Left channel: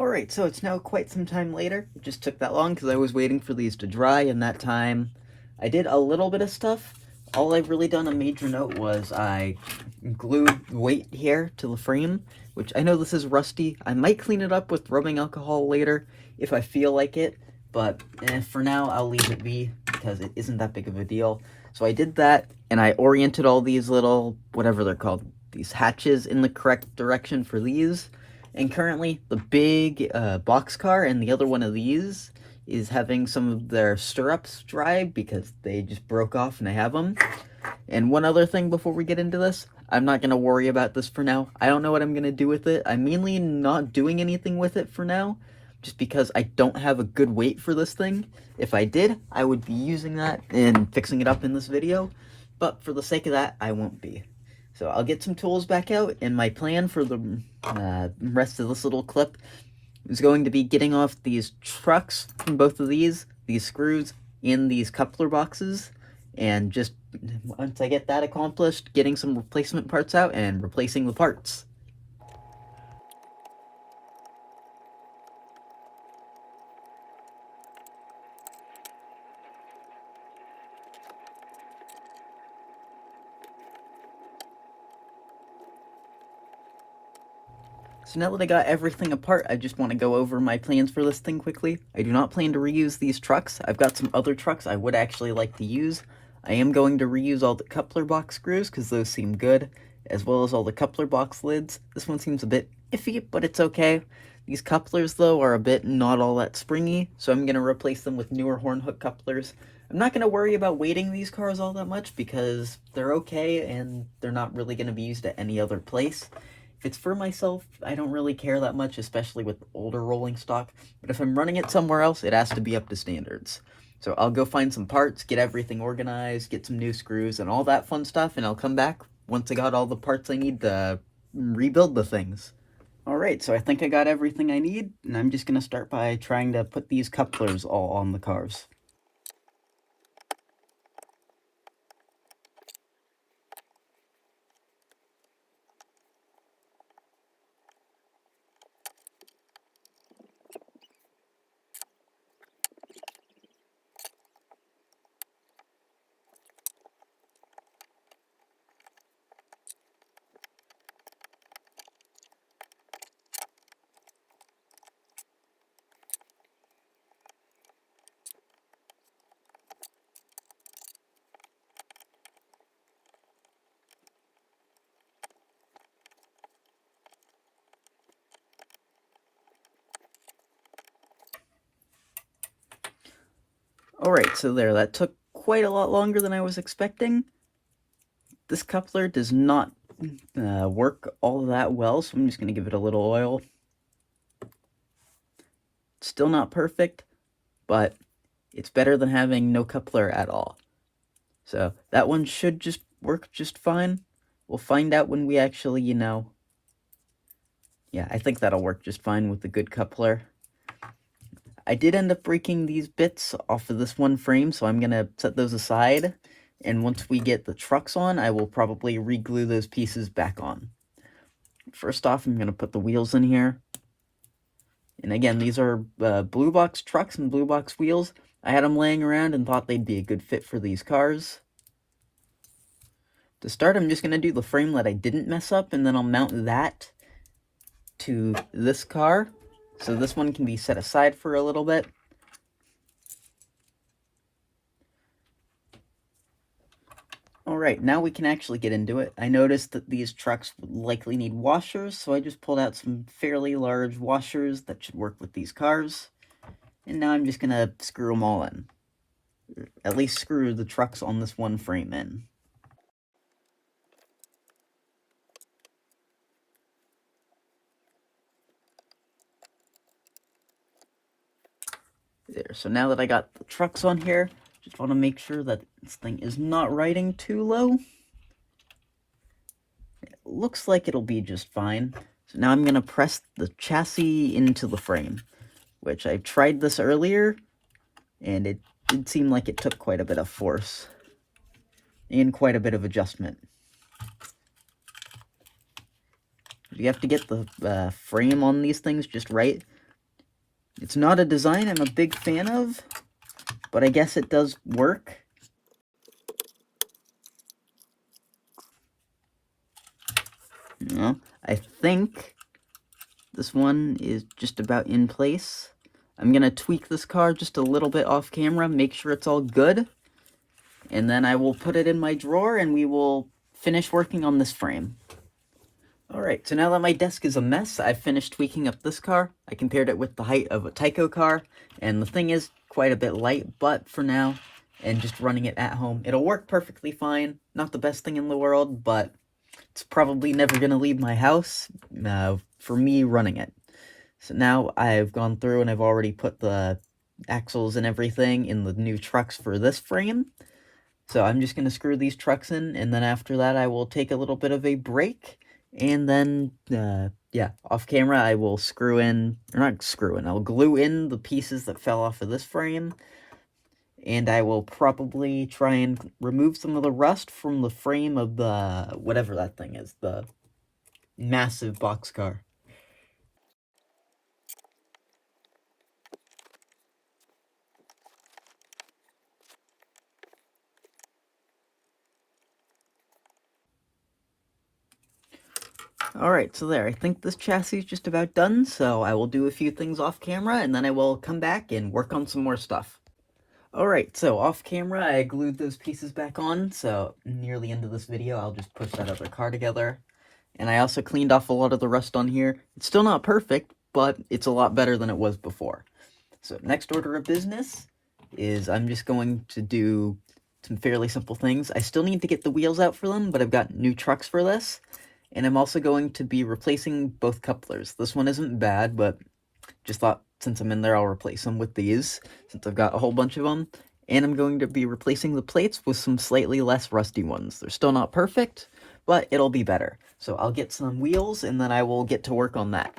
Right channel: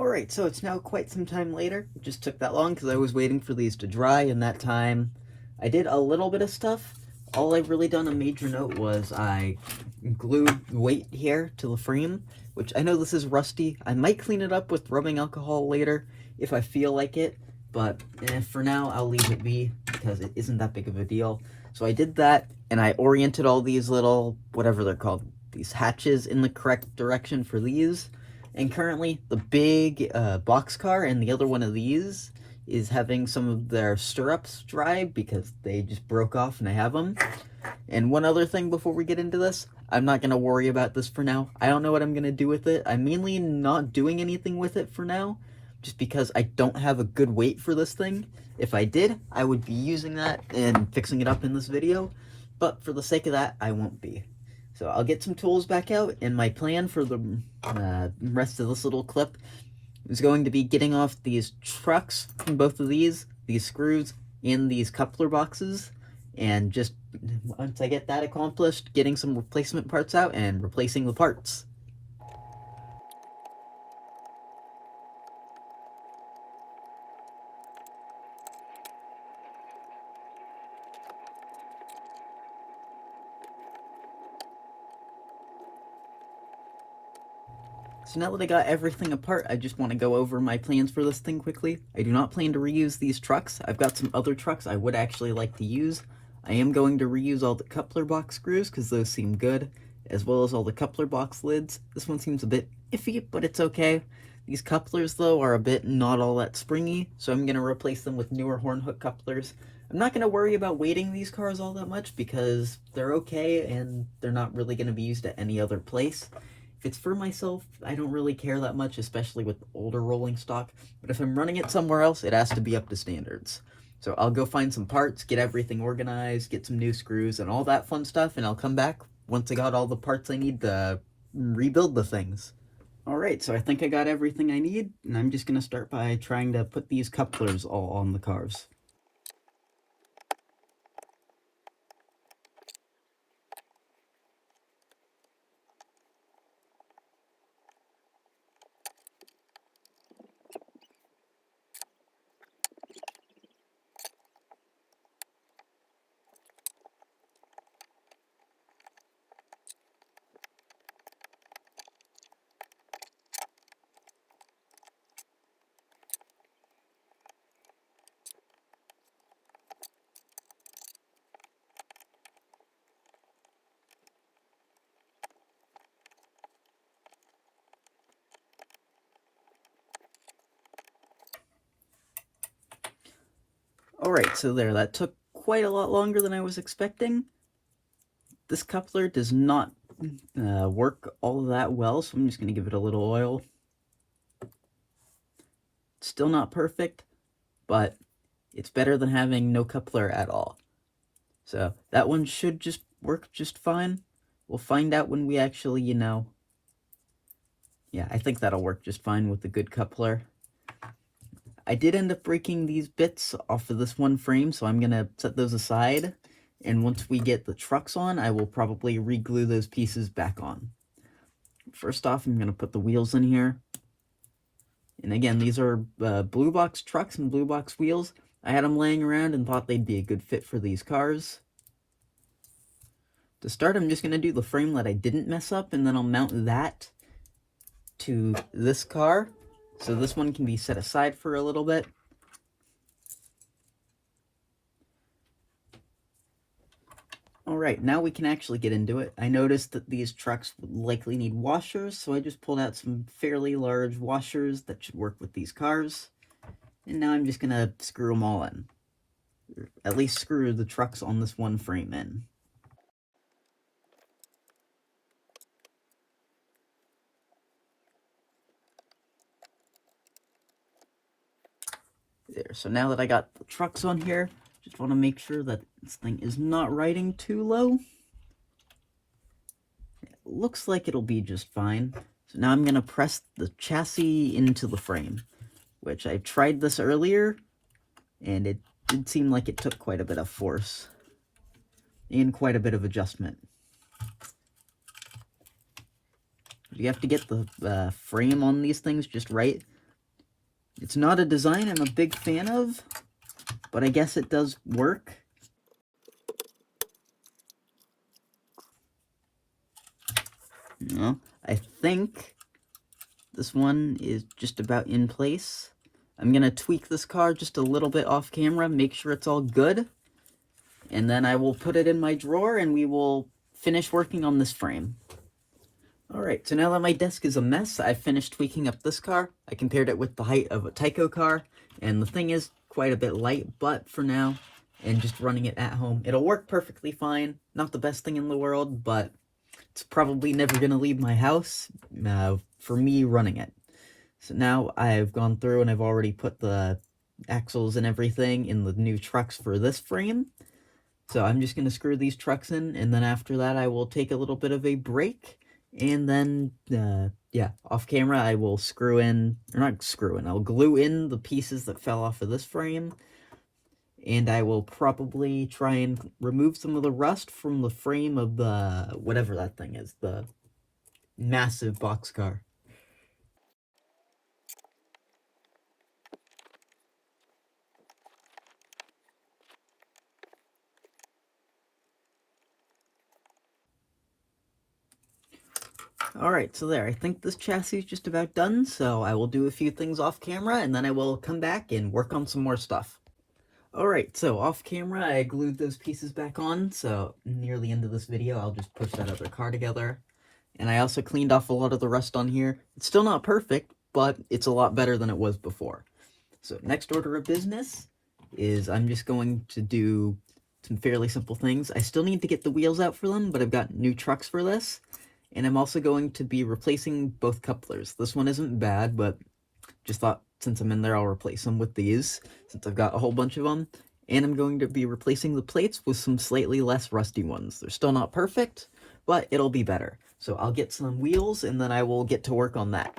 Alright, so it's now quite some time later. It just took that long because I was waiting for these to dry, and that time I did a little bit of stuff. All I've really done a major note was I glued weight here to the frame, which I know this is rusty. I might clean it up with rubbing alcohol later if I feel like it, but for now I'll leave it be because it isn't that big of a deal. So I did that, and I oriented all these little, whatever they're called, these hatches in the correct direction for these. And currently, the big boxcar and the other one of these is having some of their stirrups dried because they just broke off and I have them. And one other thing before we get into this, I'm not going to worry about this for now. I don't know what I'm going to do with it. I'm mainly not doing anything with it for now, just because I don't have a good weight for this thing. If I did, I would be using that and fixing it up in this video, but for the sake of that, I won't be. So I'll get some tools back out, and my plan for the rest of this little clip is going to be getting off these trucks from both of these screws, and these coupler boxes, and just once I get that accomplished, getting some replacement parts out and replacing the parts. So now that I got everything apart, I just want to go over my plans for this thing quickly. I do not plan to reuse these trucks. I've got some other trucks I would actually like to use. I am going to reuse all the coupler box screws because those seem good, as well as all the coupler box lids. This one seems a bit iffy, but it's okay. These couplers, though, are a bit not all that springy, so I'm going to replace them with newer horn hook couplers. I'm not going to worry about weighting these cars all that much because they're okay and they're not really going to be used at any other place. If it's for myself, I don't really care that much, especially with older rolling stock, but if I'm running it somewhere else, it has to be up to standards. So I'll go find some parts, get everything organized, get some new screws, and all that fun stuff, and I'll come back once I got all the parts I need to rebuild the things. Alright, so I think I got everything I need, and I'm just going to start by trying to put these couplers all on the cars. Alright, so there, that took quite a lot longer than I was expecting. This coupler does not work all that well, so I'm just going to give it a little oil. It's still not perfect, but it's better than having no coupler at all. So that one should just work just fine. We'll find out when we actually, yeah, I think that'll work just fine with the good coupler. I did end up breaking these bits off of this one frame, so I'm going to set those aside. And once we get the trucks on, I will probably re-glue those pieces back on. First off, I'm going to put the wheels in here. And again, these are Blue Box trucks and Blue Box wheels. I had them laying around and thought they'd be a good fit for these cars. To start, I'm just going to do the frame that I didn't mess up, and then I'll mount that to this car. So this one can be set aside for a little bit. Alright, now we can actually get into it. I noticed that these trucks would likely need washers, so I just pulled out some fairly large washers that should work with these cars. And now I'm just going to screw them all in. At least screw the trucks on this one frame in. There, so now that I got the trucks on here, just want to make sure that this thing is not riding too low. It looks like it'll be just fine. So now I'm going to press the chassis into the frame, which I tried this earlier, and it did seem like it took quite a bit of force and quite a bit of adjustment. You have to get the frame on these things just right, It's not a design I'm a big fan of, but I guess it does work. Yeah, I think this one is just about in place. I'm going to tweak this car just a little bit off camera, make sure it's all good, and then I will put it in my drawer and we will finish working on this frame. Alright, so now that my desk is a mess, I've finished tweaking up this car. I compared it with the height of a Tyco car, and the thing is quite a bit light, but for now, and just running it at home, it'll work perfectly fine. Not the best thing in the world, but it's probably never going to leave my house for me running it. So now I've gone through and I've already put the axles and everything in the new trucks for this frame. So I'm just going to screw these trucks in, and then after that I will take a little bit of a break, and then, yeah, off camera I will I'll glue in the pieces that fell off of this frame, and I will probably try and remove some of the rust from the frame of the, whatever that thing is, the massive boxcar. Alright, so there, I think this chassis is just about done, so I will do a few things off camera, and then I will come back and work on some more stuff. Alright, so off camera, I glued those pieces back on, so near the end of this video, I'll just push that other car together. And I also cleaned off a lot of the rust on here. It's still not perfect, but it's a lot better than it was before. So next order of business is I'm just going to do some fairly simple things. I still need to get the wheels out for them, but I've got new trucks for this. And I'm also going to be replacing both couplers. This one isn't bad, but just thought since I'm in there, I'll replace them with these, since I've got a whole bunch of them. And I'm going to be replacing the plates with some slightly less rusty ones. They're still not perfect, but it'll be better. So I'll get some wheels, and then I will get to work on that.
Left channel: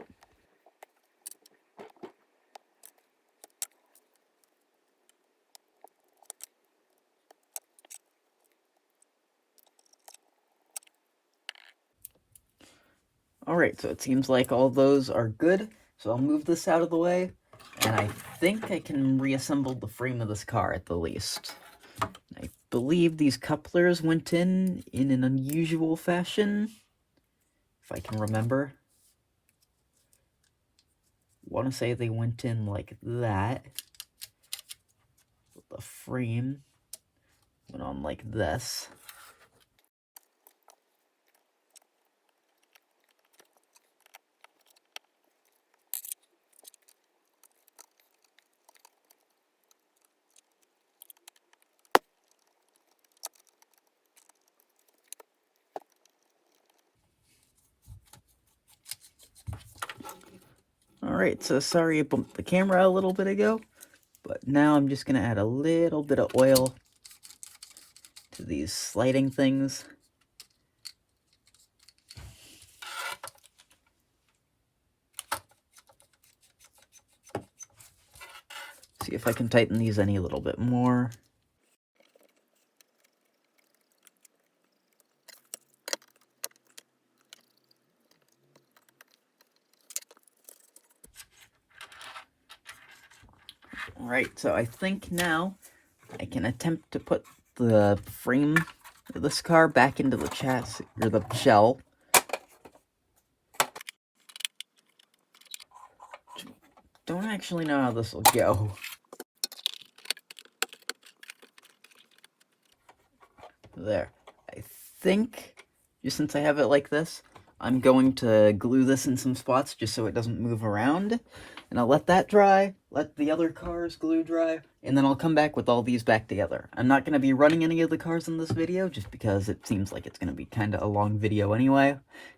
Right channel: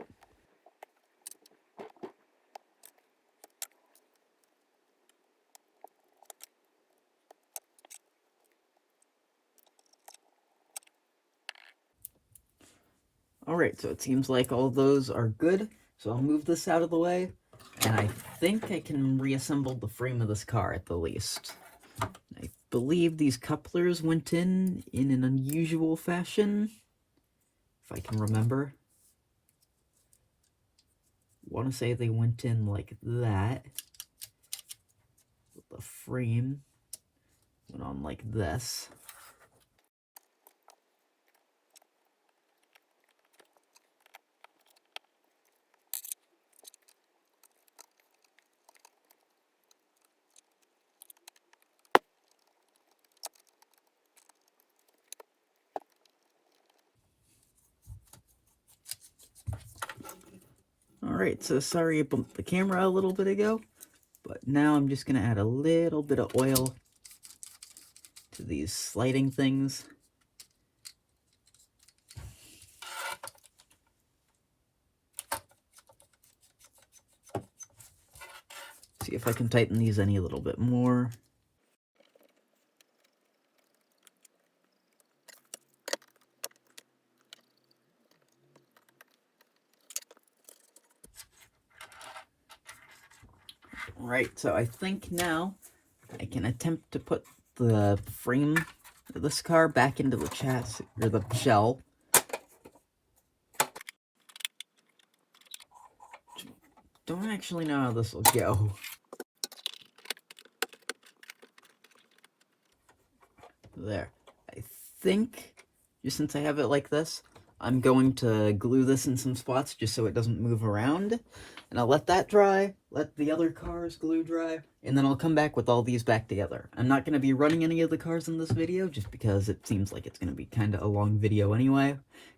Alright, so it seems like all those are good, so I'll move this out of the way, and I think I can reassemble the frame of this car at the least. I believe these couplers went in an unusual fashion, if I can remember. I want to say they went in like that. The frame went on like this. Alright, so sorry I bumped the camera a little bit ago, but now I'm just going to add a little bit of oil to these sliding things. See if I can tighten these any little bit more. Right, so I think now I can attempt to put the frame of this car back into the chassis, or the shell. Don't actually know how this will go. There. I think, just since I have it like this, I'm going to glue this in some spots just so it doesn't move around. And I'll let that dry, let the other car's glue dry, and then I'll come back with all these back together. I'm not going to be running any of the cars in this video, just because it seems like it's going to be kind of a long video anyway.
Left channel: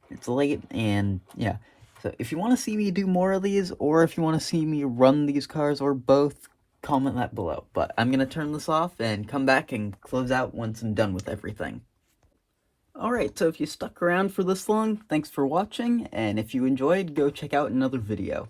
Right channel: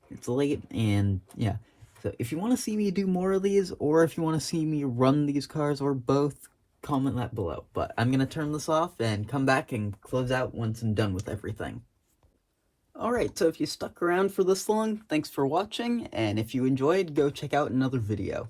It's late, and yeah. So if you want to see me do more of these, or if you want to see me run these cars, or both, comment that below. But I'm going to turn this off and come back and close out once I'm done with everything. Alright, so if you stuck around for this long, thanks for watching, and if you enjoyed, go check out another video.